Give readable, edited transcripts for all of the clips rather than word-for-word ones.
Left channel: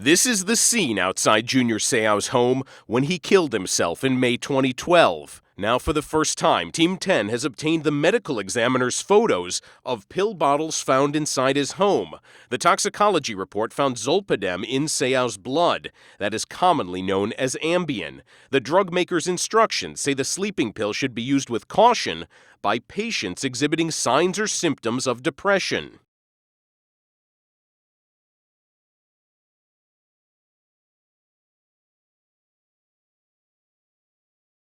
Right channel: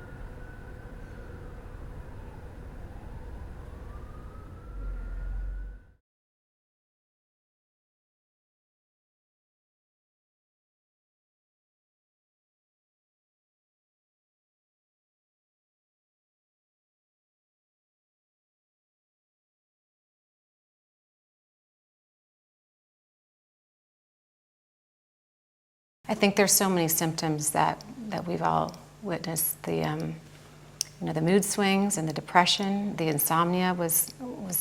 This is the scene outside Junior Seau's home when he killed himself in May 2012. Now, for the first time, Team 10 has obtained the medical examiner's photos of pill bottles found inside his home. The toxicology report found zolpidem in Seau's blood, that is commonly known as Ambien. The drug maker's instructions say the sleeping pill should be used with caution by patients exhibiting signs or symptoms of depression. I think there's so many symptoms that we've all witnessed. The mood swings and the depression, the insomnia was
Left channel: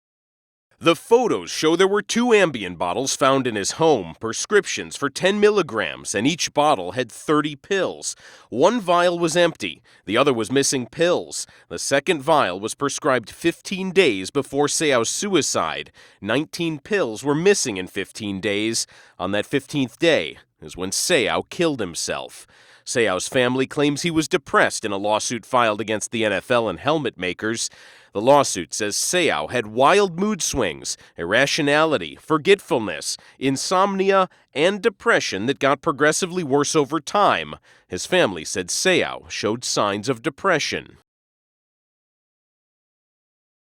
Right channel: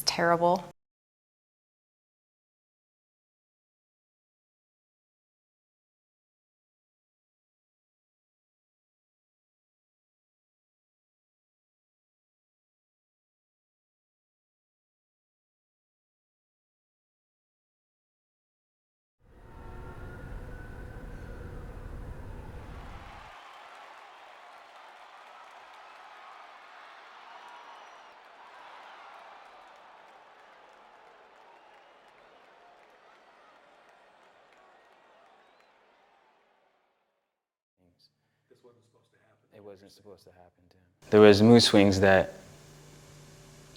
terrible. The photos show there were 2 Ambien bottles found in his home, prescriptions for 10 milligrams, and each bottle had 30 pills. One vial was empty, the other was missing pills. The second vial was prescribed 15 days before Seau's suicide. 19 pills were missing in 15 days. On that 15th day is when Seau killed himself. Seau's family claims he was depressed in a lawsuit filed against the NFL and helmet makers. The lawsuit says Seau had wild mood swings, irrationality, forgetfulness, insomnia, and depression that got progressively worse over time. His family said Seau showed signs of depression. There was mood swings that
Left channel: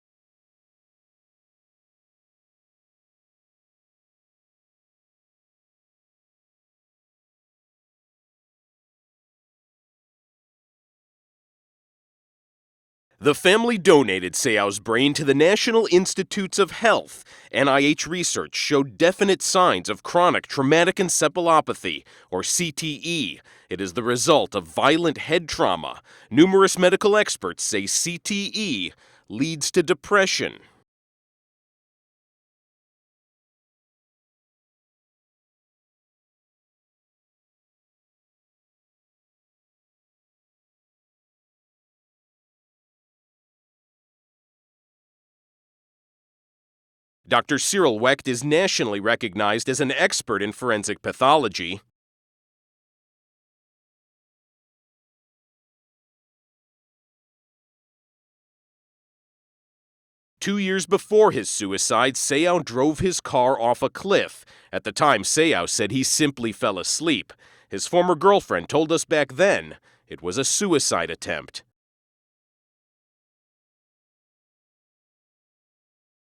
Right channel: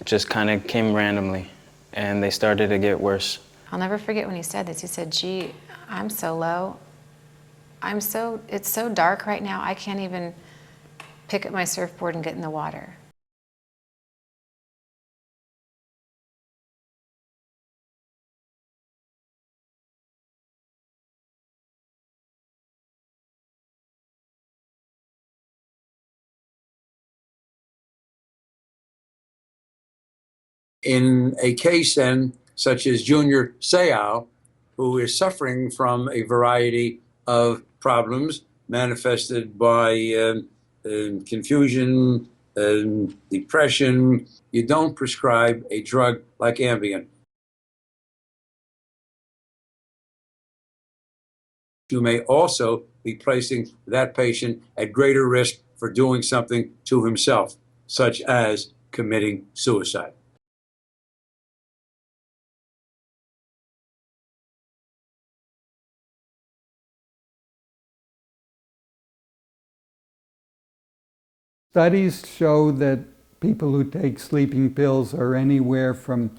just kind of came randomly, and they started to get worse. I'll never forget when he said this. He said, "Gee, I'm so low. It's so dark right now, I can't even pick up my surfboard and get in the water." The family donated Seau's brain to the National Institutes of Health. NIH research showed definite signs of chronic traumatic encephalopathy, or CTE. It is the result of violent head trauma. Numerous medical experts say CTE leads to depression. In a case then, such as Junior Seau, who is suffering from a variety of problems manifested by confusion, depression, you don't prescribe a drug like Ambien. Dr. Cyril Wecht is nationally recognized as an expert in forensic pathology. You may also be placing that patient at greater risk for doing something to himself, such as committing suicide. 2 years before his suicide, Seau drove his car off a cliff. At the time, Seau said he simply fell asleep. His former girlfriend told us back then it was a suicide attempt. Studies show that people who take sleeping pills are anywhere from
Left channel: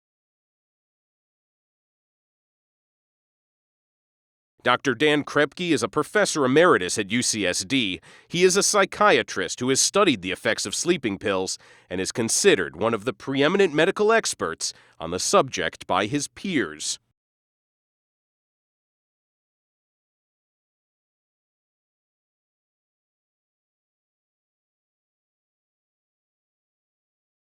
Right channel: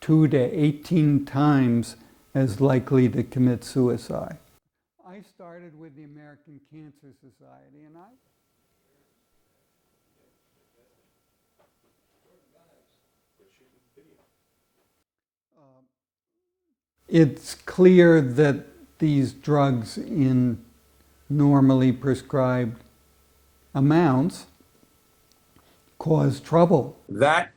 2 to 18 times as likely to commit suicide. Dr. Dan Krepke is a professor emeritus at UCSD. He is a psychiatrist who has studied the effects of sleeping pills and is considered one of the preeminent medical experts on the subject by his peers. It's clear that these drugs in normally prescribed amounts cause trouble. That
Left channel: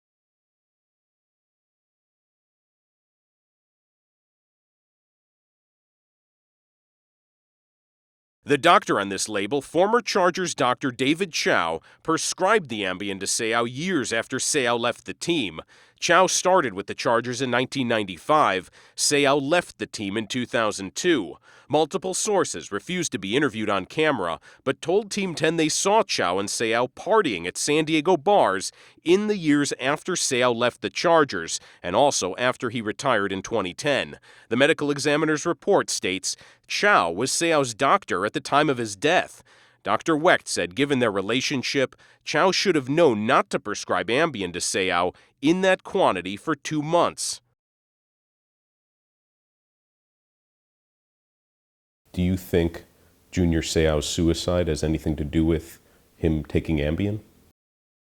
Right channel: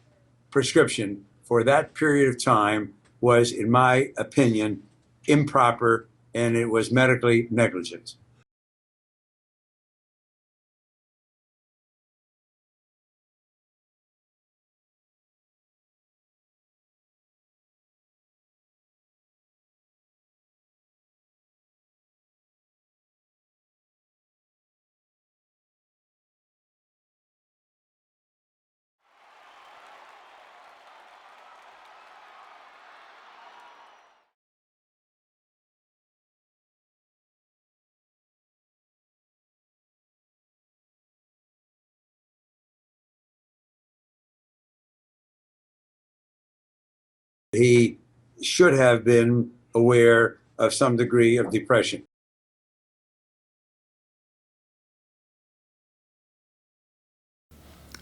prescription for that period of time was, in my opinion, improper, and it was medically negligent. The doctor on this label, former Chargers doctor David Seau, prescribed the Ambien to Seau years after Seau left the team. Seau started with the Chargers in 1995. Seau left the team in 2002. Multiple sources refused to be interviewed on camera, but told Team 10 they saw Seau and Seau partying at San Diego bars in the years after Seau left the Chargers, and also after he retired in 2010. The medical examiner's report states Seau was Seau's doctor at the time of his death. Dr. Wecht said given their relationship, Seau should have known not to prescribe Ambien to Seau in that quantity for 2 months. He should have been aware of some degree of depression. Do you think Junior Seau's suicide has anything to do with him taking Ambien?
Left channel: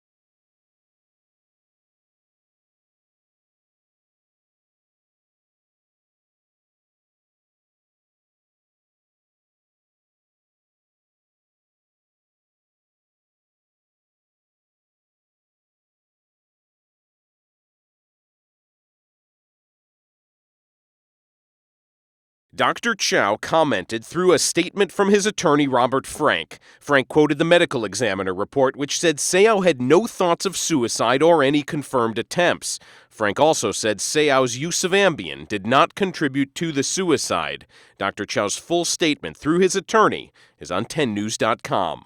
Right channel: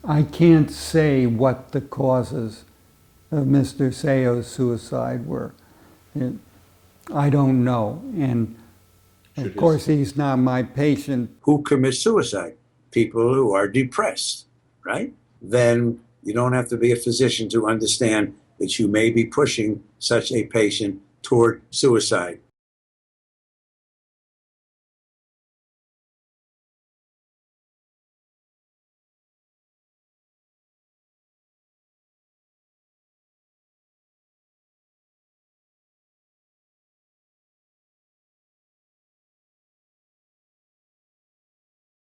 I can't say what the causes of Mr. Seau's suicide were. I don't know. And of course, he's not my patient. Who commits suicide? People who are depressed, right? Then you don't have to be a physician to understand that you may be pushing such a patient toward suicide. Dr. Seau commented through a statement from his attorney, Robert Frank. Frank quoted the medical examiner report, which said Seau had no thoughts of suicide or any confirmed attempts. Frank also said Seau's use of Ambien did not contribute to the suicide. Dr. Seau's full statement through his attorney is on 10news.com.